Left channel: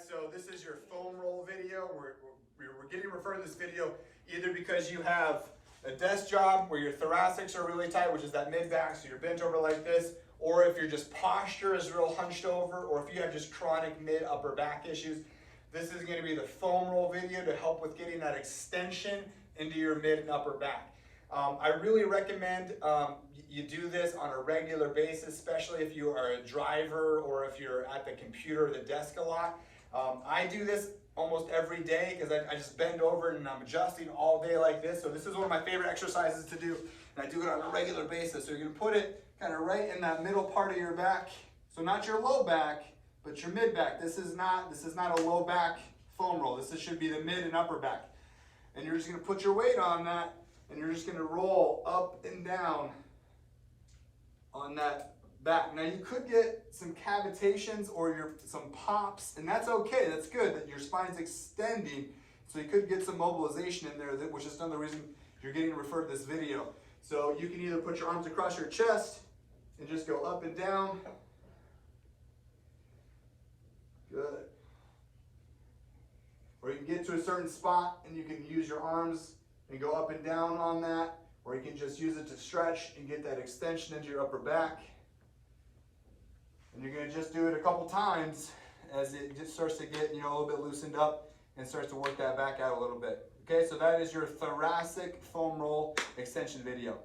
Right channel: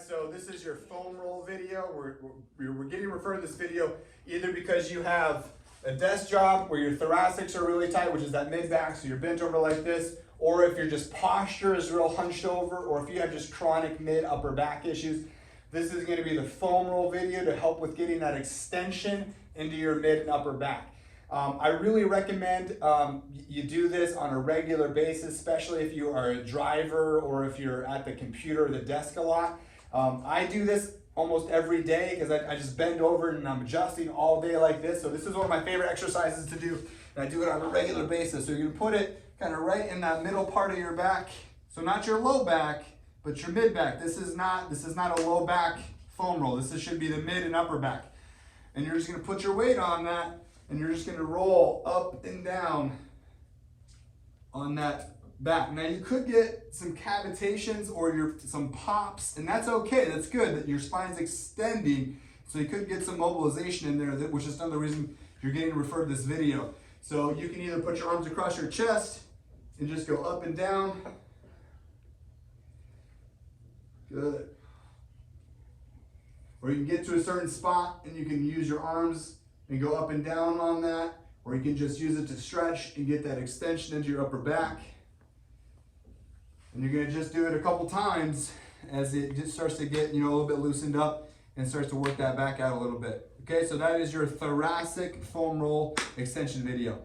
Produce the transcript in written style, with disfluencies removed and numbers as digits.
guys, so this is your foam roll video. We're getting referred to this video either because you have a desk job where your thoracics are really tight, which is that mid back, so you're bent over like this, or if your just posture is real hunched over, or if you have just chronic mid upper back issues. This is going to be the foam roll video to help with getting that extension into your mid and upper back. I really recommend you do this on a regular basis, especially if you are a driver or if you're at the computer or the desk a lot. I do this almost every day because I just bend over and I'm adjusting all day like this. So this is one of my favorite exercises to do, and I do it on a regular basis. So you can put it kind of right in that middle part of your back. So not your low back, but your mid back. This is not a low back foam roll. This should be the mid and upper back. And you're just going to put your weight on that, and you're just going to roll up and down on that back. Now you could get some cavitations or some pops, and that's okay. That's good that your spine's extending. So you could get some mobilization in there, which is another reason you're getting referred to this video. So you can either put your arms across your chest and just go up and down. Good. Or you can get to a certain spot and you can use your arms and go up and down on that, or you can just use it to stretch and get that extension into your upper back. And you're gonna just do it a couple times as it just starts to get, a little bit loosened up and starts to work that back out a little bit. Okay, so that is your thoracic foam roll extension video.